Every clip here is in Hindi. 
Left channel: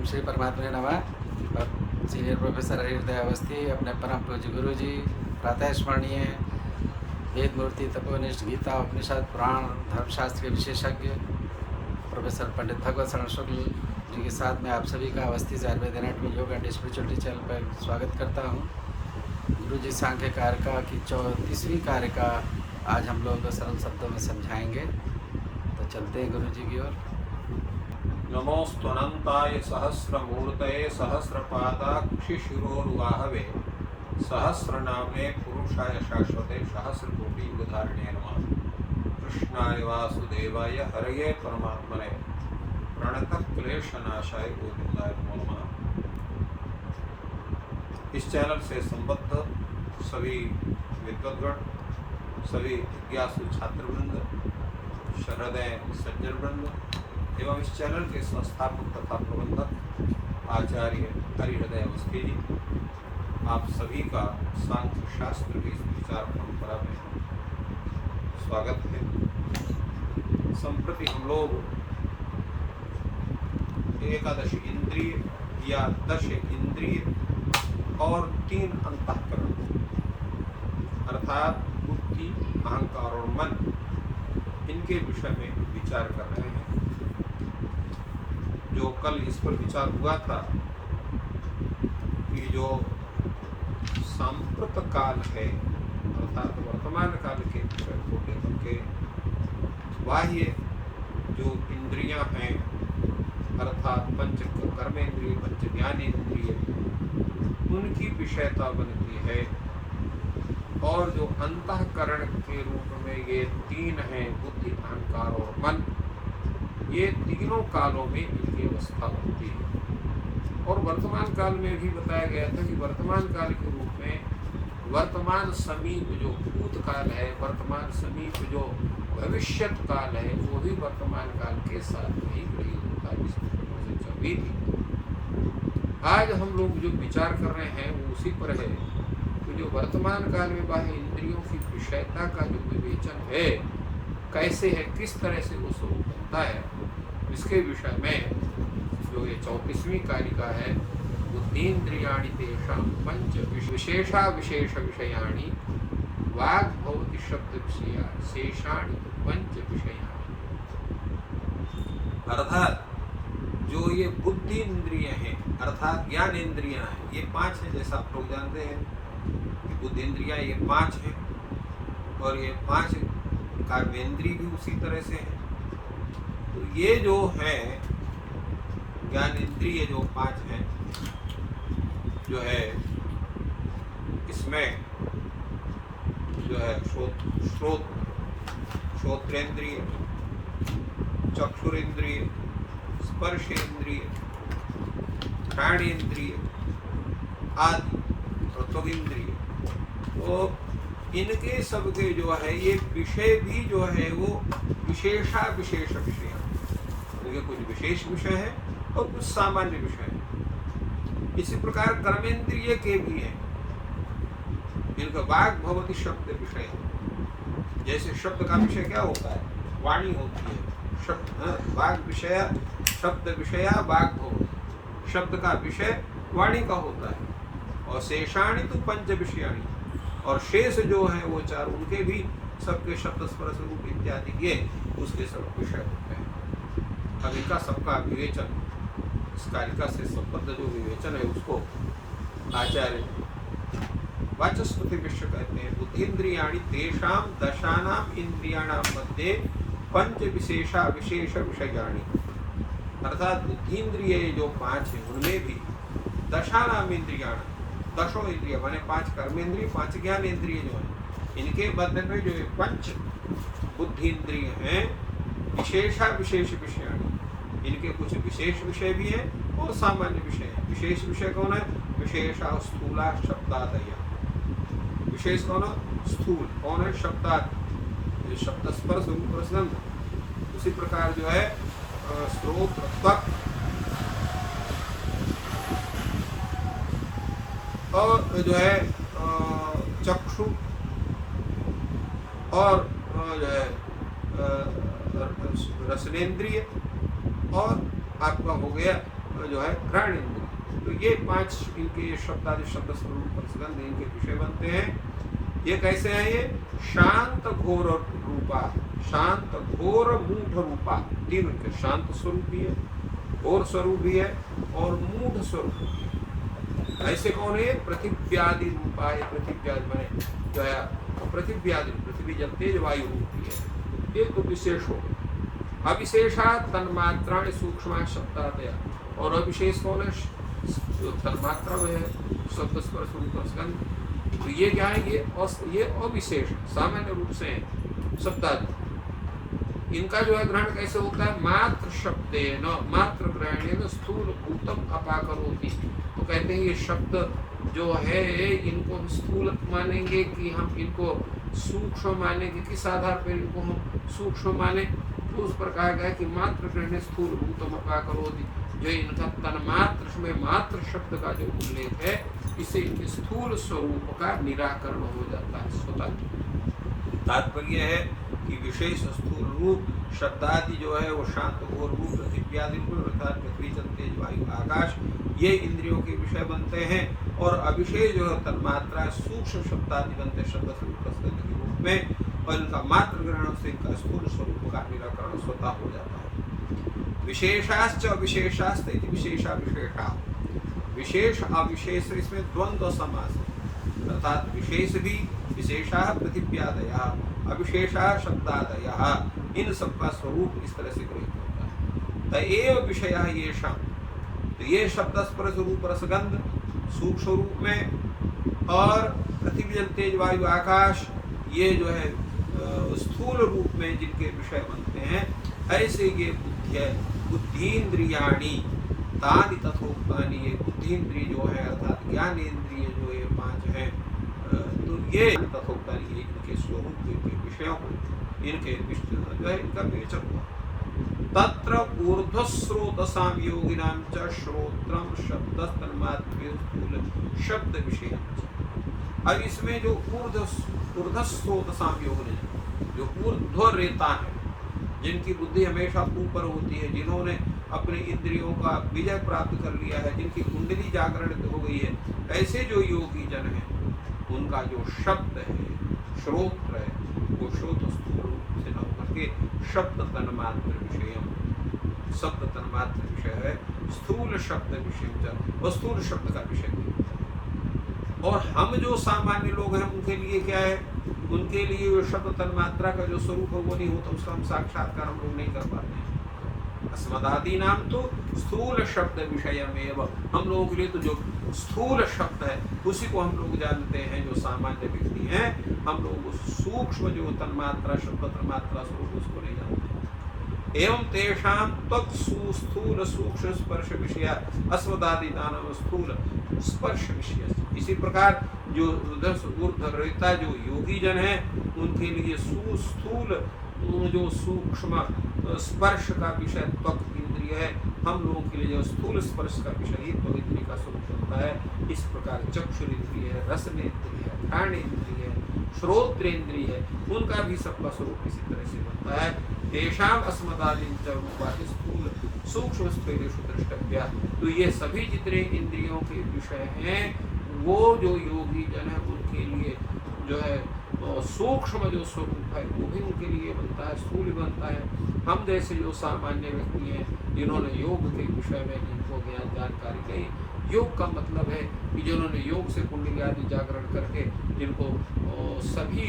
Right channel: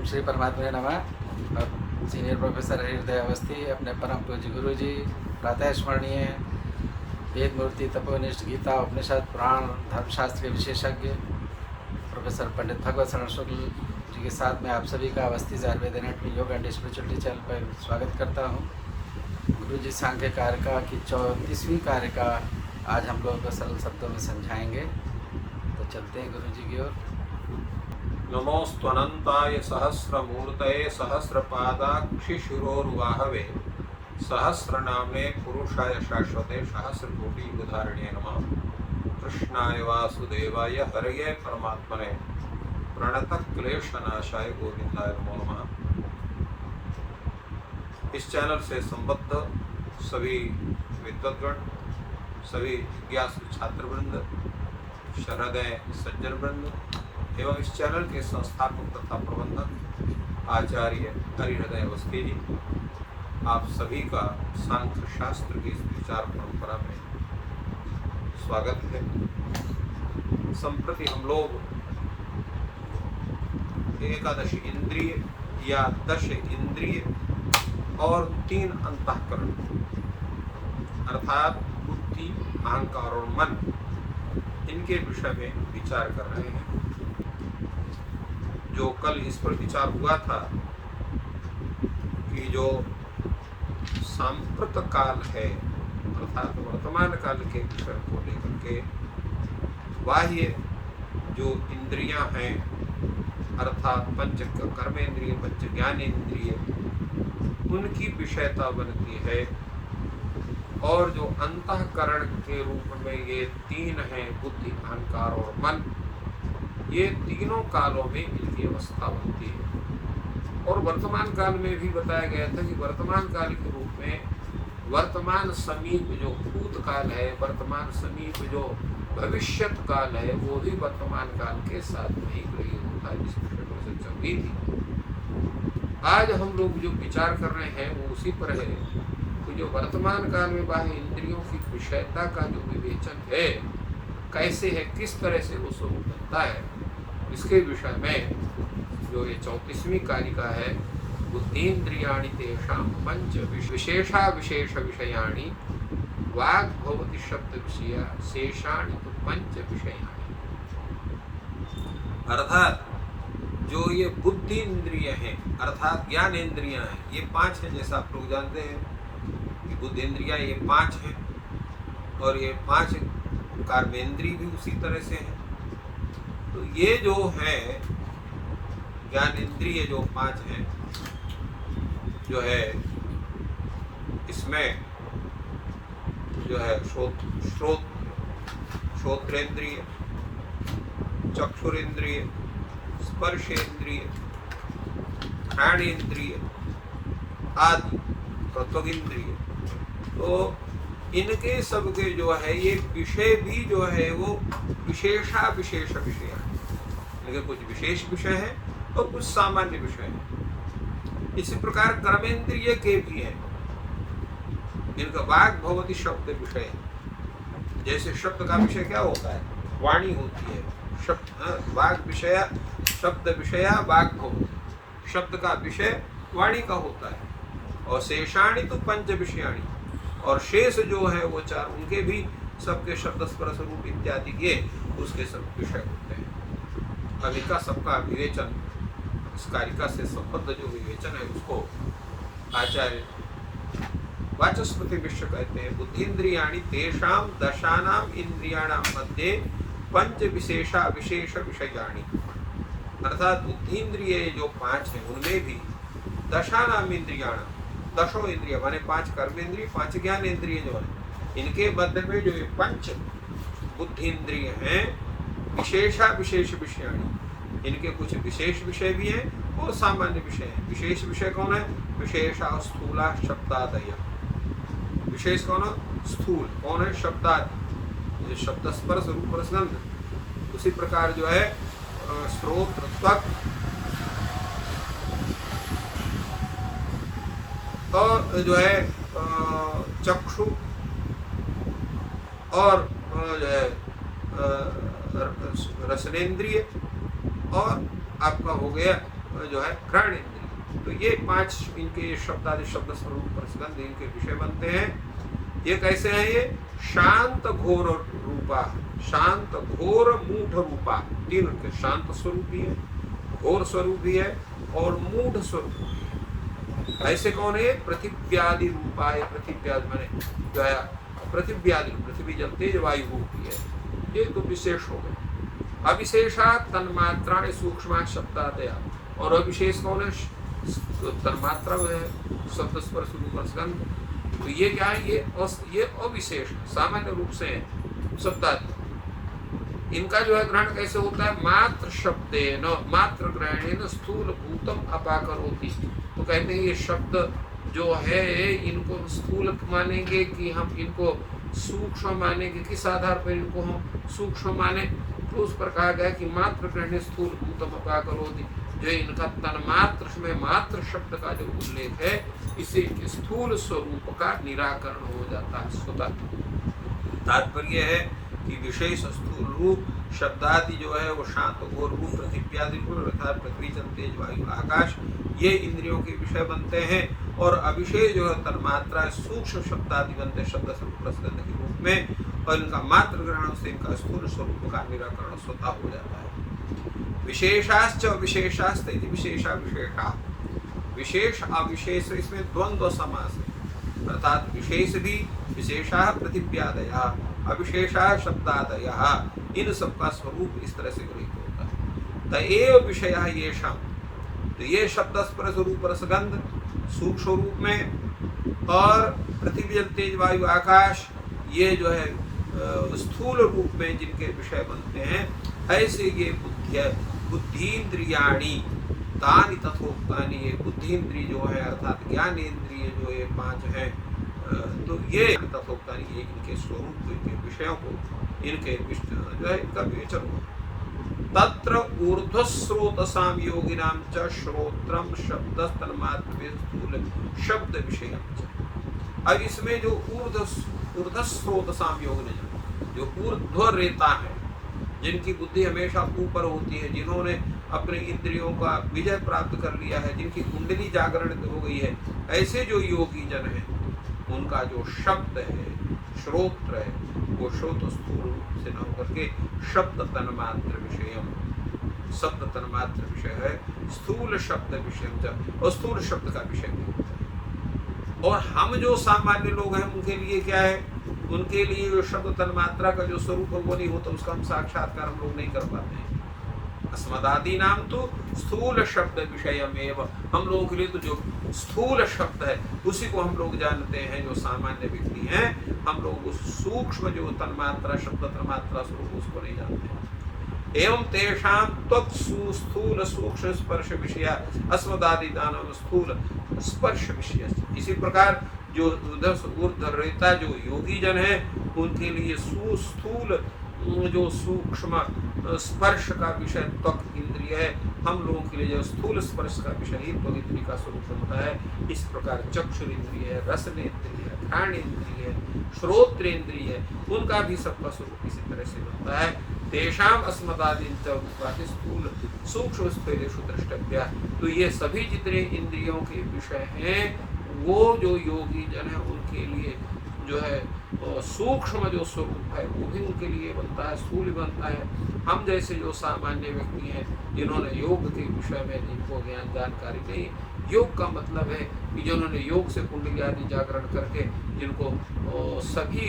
ओम श्री परमात्मा नमः। सीनियर प्रोफेसर हृदय अवस्थी अपने परम पूज्य गुरु जी प्रातः स्मरणीय वेद मूर्ति तपोनिष्ठ गीता उपनिषद पुराण धर्मशास्त्र के विशेषज्ञ प्रोफेसर पंडित भगवत शरण शुक्ल जी के साथ में आप सभी का अवस्थी से आयुर्वेद एनाटॉमी योग एंड स्पिरिचुअलिटी चैनल पर स्वागत करता हूँ। गुरु जी सांख्य कारिका की 34वीं कारिका आज हम लोग सरल शब्दों में समझाएंगे, तो चलते हैं गुरु जी की ओर। नमोस्त्वनंताय सहस्रमूर्तये सहस्रपादाक्षिशिरोरुवाहवे सहस्रनाम्ने पुरुषाय शाश्वते सहस्रकोटि युगधारिणे नमः। कृष्णाय वासुदेवाय हरये परमात्मने प्रणतक्लेशनाशाय गोविंदाय नमो नमः। इस चैनल से संबद्ध सभी विद्वद्गण, सभी जिज्ञासु छात्रवृंद, सहृदय सज्जनवृंद एवं इस चैनल के संस्थापक तथा प्रबंधक आचार्य हरिहृदय अवस्थी जी, आप सभी का सांख्य शास्त्र की इस विचार परंपरा में स्वागत है। संप्रति हम लोग एकादश इंद्रिय या 10 इंद्रिय और 3 अंतःकरण अर्थात बुद्धि, अहंकार और मन, इनके विषय में विचार कर रहे हैं। जो कल इस पर विचार हुआ था कि जो सांप्रत काल है अर्थात वर्तमान काल के विषय को लेकर के बाह्य जो इंद्रियां हैं अर्थात पंच कर्मेंद्रिय, पंच ज्ञानेंद्रिय, उनकी विषयता बनती है। और जो अंतःकरण के रूप में ये 3 हैं, बुद्धि, अहंकार और मन, ये तीनों कालों में इनकी अवस्था बनती है। और वर्तमान काल में भी बताया गया था कि वर्तमान काल के रूप में वर्तमान समीप जो भूत काल है, वर्तमान समीप जो भविष्यत काल है, वो भी वर्तमान काल के साथ में ही गृहीत होता है। इस विषय में चर्चा हुई थी। आज हम लोग जो विचार कर रहे हैं वो उसी पर है कि जो वर्तमान काल में बाह्य इंद्रियों की विषयता का जो विवेचन है, कैसे है, किस तरह से वो स्वरूप होता है, इसके विषय में जो ये 34वीं कारिका है, बुद्धीन्द्रियाणि तेषां पंच विशेषा विशेष विषयाणि वाग् भवति शब्द विषय शेषाणि तो पंच विषयाणि। अर्थात जो ये बुद्धि इंद्रिय हैं अर्थात ज्ञान इंद्रियां हैं, ये 5 हैं। जैसा आप लोग जानते हैं कि बुद्धि इंद्रियां ये 5 हैं और ये 5 कर्मेंद्रिय भी उसी तरह से हैं। तो ये जो है ज्ञान इंद्रिय जो 5 हैं, जो है इसमें जो है श्रोत्रेंद्रिय, चक्षुरेंद्रिय, स्पर्शेंद्रिय, घ्राणेंद्रिय आदि त्वगिंद्रिय, तो इनके सबके जो है ये विषय भी जो है वो विशेषा विशेष विषय हैं। इनके कुछ विशेष विषय हैं और कुछ सामान्य विषय हैं। इसी प्रकार कर्मेंद्रिय के भी हैं। इनका वाग् भवति शब्द विषय है। जैसे शब्द का विषय क्या होता है? वाणी होती है। शब्द वाग् विषय, शब्द विषया वाग् भवति, शब्द का विषय वाणी का होता है। और शेषाणि तो पंच विषयाणि, और शेष जो है वो 4, उनके भी सबके शब्द स्पर्श रूप इत्यादि के उसके सब विषय होते हैं। अब इनका सबका विवेचन, इस कारिका से संबद्ध जो विवेचन है उसको आचार्य वाचस्पति मिश्र कहते हैं। बुद्धीन्द्रियाणि तेषां दशानां इंद्रियाणां मध्ये पंच विशेषा विशेष विषयाणि। अर्थात बुद्धीन्द्रिय जो 5 हैं उनमें भी दशानां इंद्रियाणां, 10 इंद्रिय माने 5 कर्मेंद्रिय, 5 ज्ञानेंद्रिय जो है, इनके मध्य में जो ये 5 बुद्धि इंद्रिय हैं विशेषा विशेष विषयाणि, इनके कुछ विशेष विषय भी हैं और सामान्य विषय हैं। विशेष विषय कौन है? विशेषा स्थूला शब्दादय। विशेष कौन है? स्थूल। कौन है? शब्दाद, शब्द स्पर्श रूप रसगंध। उसी प्रकार जो है स्रोत, त्वक और जो है चक्षु और जो है रसनेन्द्रिय और आपका हो गया जो है घ्राण इंद्रिय। तो ये 5 इनके शब्दादि शब्द स्वरूप प्रसंग इनके विषय बनते हैं। ये कैसे हैं? ये शांत घोर रूपा, शांत घोर मूढ़ रूपा, 3 उनके शांत स्वरूप भी है, घोर स्वरूप भी है और मूढ़ स्वरूप भी है। ऐसे कौन है? पृथिव्यादि रूपा है। पृथिव्यादि माने जो है पृथिव्यादि रूप, पृथ्वी जल तेज वायु रूप ही है। ये तो विशेष हो गए। अविशेषा तन्मात्राणि सूक्ष्म शब्दादया, और अविशेष कौन है? तन्मात्रा है, शब्द स्पर्श रूप रसगंध। तो ये क्या है? ये अविशेष सामान्य रूप से है शब्दादि। इनका जो है ग्रहण कैसे होता है? मात्र शब्देन, मात्र ग्रहणेन स्थूल भूतम अपाकरोति। तो कहते हैं ये शब्द जो है इनको हम स्थूल मानेंगे कि हम इनको सूक्ष्म मानेंगे? किस आधार पर इनको हम सूक्ष्म माने? तो उस पर कहा गया कि मात्र ग्रहण स्थूल भूतम अपाकरोति, जो इनका तन्मात्र में मात्र शब्द का जो उल्लेख है, इससे स्थूल स्वरूप का निराकरण हो जाता है स्वतः। तात्पर्य है कि विशेष स्थूल रूप शब्दादि जो है वो शांत घोर रूप पृथ्व्यादि रूप अर्थात पृथ्वी जल तेज वायु आकाश, ये इंद्रियों के विषय बनते हैं। और अविशेष जो है तन्मात्रा सूक्ष्म शब्दादि बनते शब्द स्वरूप रसगंध के रूप में, और इनका मात्र ग्रहण से इनका स्थूल स्वरूप का निराकरण स्वतः हो जाता है। विशेषाश्च अविशेषाश्च इति विशेषा विशेषा, विशेष अविशेष इसमें द्वंद्व समास है, अर्थात विशेष भी विशेषा पृथिव्यादया, अविशेषा शब्दादया, इन सबका स्वरूप इस तरह से ग्रहित होता है। त एव विषया येषां, तो ये शब्द स्पर्श रूप रसगंध सूक्ष्म रूप में, और पृथ्वी जल तेज वायु आकाश ये जो है स्थूल रूप में जिनके विषय बनते हैं, ऐसे ये बुद्धिन्द्रियाणि तानि तथोक्तानि, ये बुद्धिन्द्रिय जो है अर्थात ज्ञानेन्द्रिय जो ये 5 हैं, तो ये तथोक्तानि ये इनके स्वरूप को, इनके विषयों को, इनके जो है इनका विवेचन हुआ। तत्र ऊर्ध्वस्रोतसाम योगिनां च श्रोत्रम शब्द तन्मात्र स्थूल शब्द विषयम च। अब इसमें जो ऊर्ध्वस्रोतसाम योग ने, जो ऊर्ध्व रेता है, जिनकी बुद्धि हमेशा ऊपर होती है, जिन्होंने अपने इंद्रियों का विजय प्राप्त कर लिया है, जिनकी कुंडली जागरण हो गई है, ऐसे जो योगी जन हैं, उनका जो शब्द है, श्रोत्र है, वो श्रोत स्थूल रूप से न होकर के शब्द तन्मात्र विषयम, शब्द तन्मात्र विषय है, स्थूल शब्द विषय, और स्थूल शब्द का विषय भी होता है। और हम जो सामान्य लोग हैं उनके लिए क्या है? उनके लिए जो शब्द तन्मात्रा का जो स्वरूप है वो नहीं होता, उसका हम साक्षात्कार हम लोग नहीं कर पाते हैं। अस्मदादि नाम तो स्थूल शब्द विषयमेव, हम लोगों के लिए तो जो स्थूल शब्द है उसी को हम लोग जानते हैं, जो सामान्य व्यक्ति हैं हम लोग उस सूक्ष्म जो तन्मात्रा शब्द तन्मात्रा स्वरूप उसको नहीं जानते। एवं तेषां स्थूल सूक्ष्म स्पर्श विषय अस्मदादि नाम स्थूल स्पर्श विषय। इसी प्रकार जो ऊर्ध्वरेता जो योगी जन है उनके लिए सुस्थूल जो सूक्ष्म स्पर्श का विषय त्वक इंद्रिय है, हम लोगों के लिए जो स्थूल स्पर्श का विषय ही त्वक इंद्रिय का स्वरूप बनता है। इस प्रकार चक्षुरेंद्रिय है, रसनेन्द्रिय है, घ्राणेन्द्रिय है, श्रोत्रेंद्रिय है, उनका भी सबका स्वरूप इसी तरह से बनता है। तेषाम अस्मदादि रूपादि स्थूल सूक्ष्म स्फेरेषु द्रष्टव्या। तो ये सभी जितने इंद्रियों के विषय हैं वो जो योगी जन है उनके लिए जो है सूक्ष्म जो स्वरूप है वो भी उनके लिए बनता है, स्थूल भी बनता है। हम जैसे जो सामान्य व्यक्ति हैं जिन्होंने योग के विषय में जिनको ज्ञान जानकारी नहीं, योग का मतलब है कि जिन्होंने योग से कुंडली आदि जागरण करके जिनको सभी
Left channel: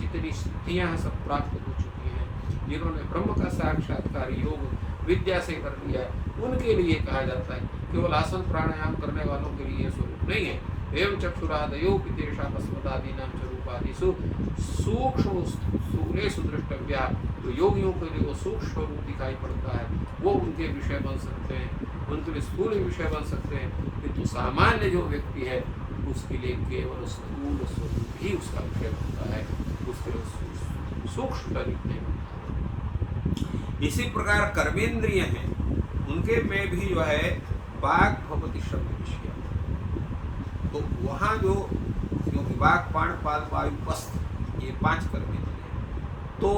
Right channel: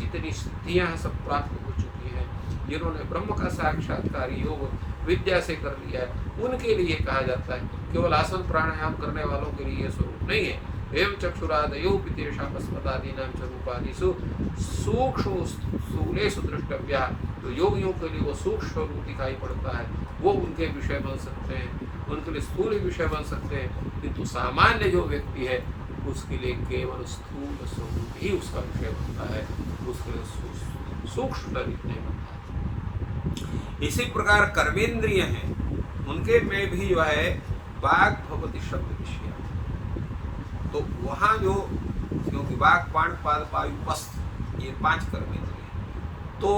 जितनी स्थितियाँ हैं सब प्राप्त हो चुकी हैं, जिन्होंने ब्रह्म का साक्षात्कार योग विद्या से कर लिया है, उनके लिए कहा जाता है। केवल आसन प्राणायाम करने वालों के लिए स्वरूप नहीं है। एवं चक्षुरादयो पितेषाम् अस्मदादीनां च रूपादिषु सूक्ष्म स्थूलेषु द्रष्टव्या। तो योगियों के लिए वो सूक्ष्म रूप दिखाई पड़ता है, वो उनके विषय बन सकते हैं, उनके लिए स्थूल विषय बन सकते हैं। किंतु सामान्य जो व्यक्ति है उसके लिए केवल स्थूल स्वरूप ही उसका विषय बनता है, उसके लिए सूक्ष्म शरीर नहीं बनता। इसी प्रकार कर्मेंद्रिय हैं, उनके में भी जो है वाक् भवति शब्द विषय। तो वहाँ जो क्योंकि वाक् पाण पाद वायु पस्त ये 5 कर्मेंद्रिय हैं, तो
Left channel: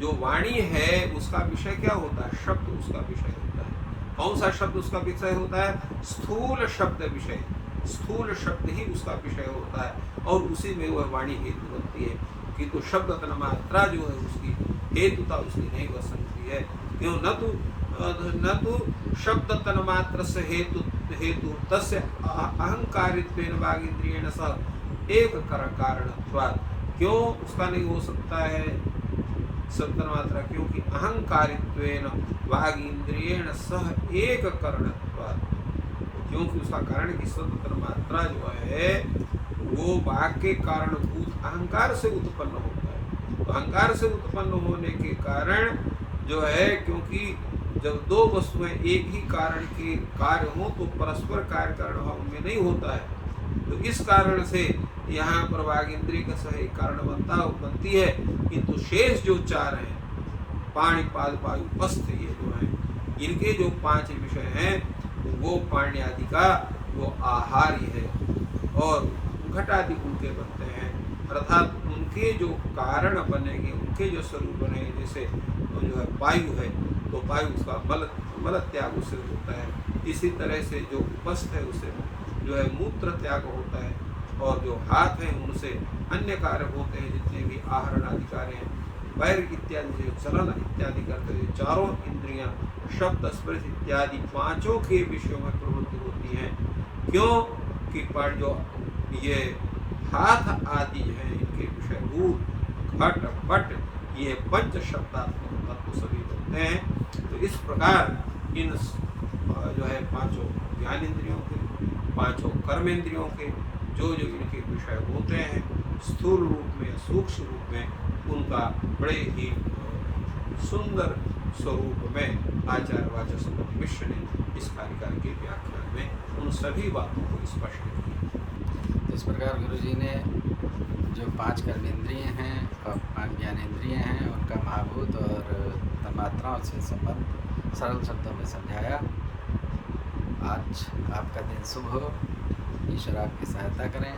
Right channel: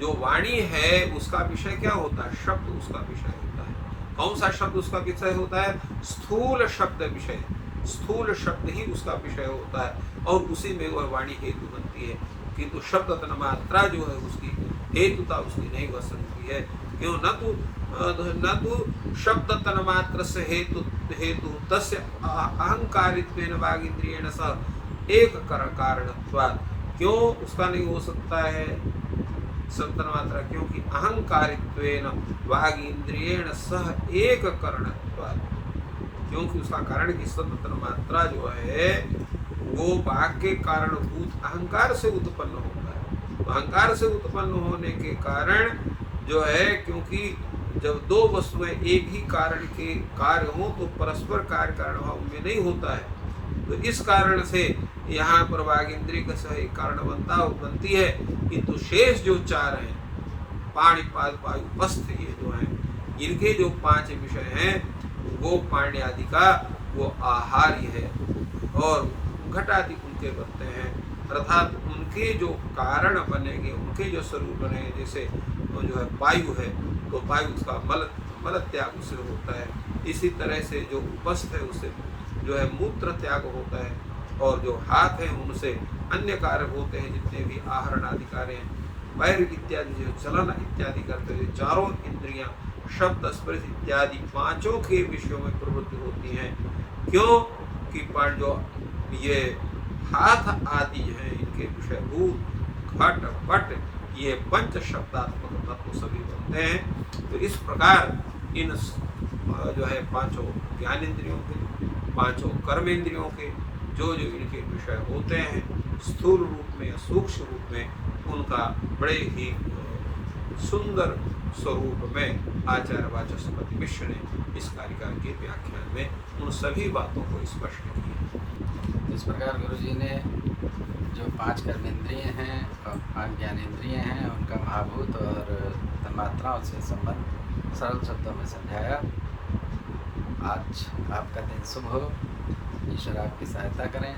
जो वाणी है उसका विषय क्या होता है? शब्द उसका विषय होता है। कौन सा शब्द उसका विषय होता है? स्थूल शब्द विषय, स्थूल शब्द ही उसका विषय होता है और उसी में वह वाणी हेतु बनती है। किंतु शब्द तन मात्रा जो है उसकी हेतुता उसकी नहीं बन सकती है। क्यों? न तो शब्द तन मात्र से हेतु तस्य अहंकारित्वेन वागींद्रियेण सह एक कारणत्वात्। क्यों उसका नहीं हो सकता है शब्द तन मात्रा? क्योंकि अहंकारित्वेन वागींद्रियेण सह एक कारणत्वात्। क्योंकि उसका कारण की शब्द तन मात्रा जो है वो वाक्य के कारणभूत अहंकार से उत्पन्न होता है। तो अहंकार से उत्पन्न होने के कारण जो है, क्योंकि जब दो वस्तुएं एक ही कारण के कार्य हो तो परस्पर कार्य कारण भाव में नहीं होता है। तो इस कारण से यहाँ पर वागींद्रिय का सह एक कारण बनती है। किंतु शेष जो चार हैं, पाणिपाद वायु पस्थ, ये जो हैं इनके जो 5 विषय हैं वो पाण्य आदि का वो आहार्य है और घटादि उनके बनते हैं। अर्थात उनके जो कारण बनेंगे, उनके जो स्वरूप बनेंगे, जैसे जो है वायु है तो वायु उसका मल त्याग उससे होता है। इसी तरह से जो उपस्थ है उससे जो है मूत्र त्याग होता है और जो हाथ है उनसे अन्य कार्य होते हैं, जितने भी आहरण आदि कार्य हैं। पैर इत्यादि जो चलन इत्यादि करते हैं, चारों इंद्रियां शब्द स्पर्श इत्यादि 5 के विषयों में प्रवृत्ति होती हैं। क्यों कि पर जो ये हाथ आदि हैं इनके विषयभूत घट पट ये पंच शब्दात्मक तत्व सभी बनते हैं। तो इस प्रकार इन जो है 5 ज्ञानेंद्रियों के, 5 कर्मेंद्रियों के जो इनके विषय होते हैं स्थूल रूप में या सूक्ष्म रूप में, उनका बड़े ही सुंदर स्वरूप में आचार्य वाचस्पति मिश्र ने इस कार्यक्रम के व्याख्यान में उन सभी बातों को स्पष्ट किया। इस प्रकार गुरु जी ने जो 5 कर्मेंद्रिय हैं और 5 ज्ञानेंद्रिय हैं उनका महाभूत और तन्मात्राओं से संबंध सरल शब्दों में समझाया। आज आपका दिन शुभ हो, ईश्वर आपकी सहायता करें।